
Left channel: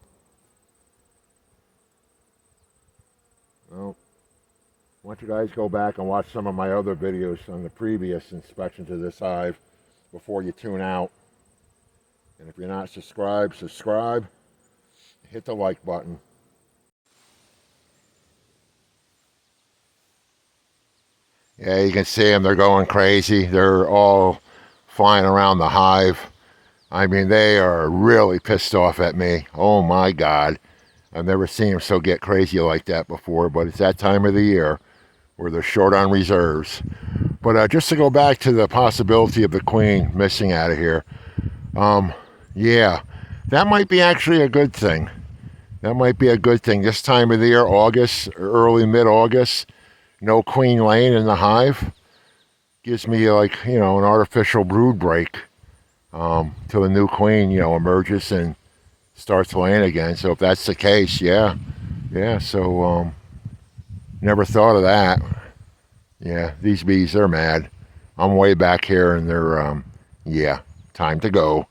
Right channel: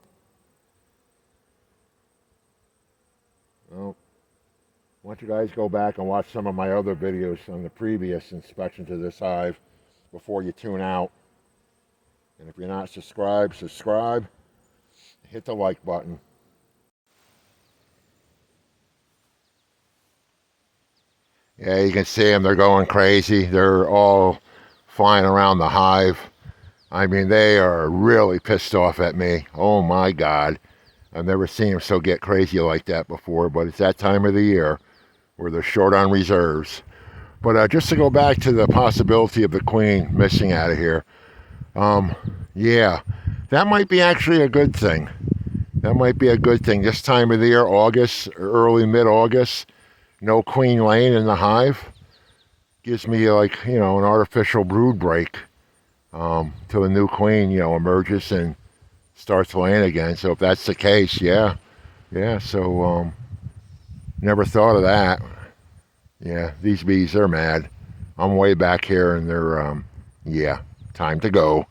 Well, why don't you guys go back and watch some of my other videos on the previous inspections of this hive before you tune out. And if you're not subscribed, subscribe. Hit the like button. Yeah, you can see them. They're going crazy. They're all flying around the hive. I mean, they are really pissed off at me. Oh my God. I've never seen them so get crazy like that before, but it's that time of the year where they're short on reserves. But just to go back to the possibility of the queen missing out of here, yeah, that might be actually a good thing. That might be a good thing. This time of the year, August, early mid-August, no queen laying in the hive gives me like an artificial brood break till the new queen emerges and starts laying again. So if that's the case, yeah. So never thought of that. Yeah, these bees, they're mad. I'm way back here and they're yeah, time to go.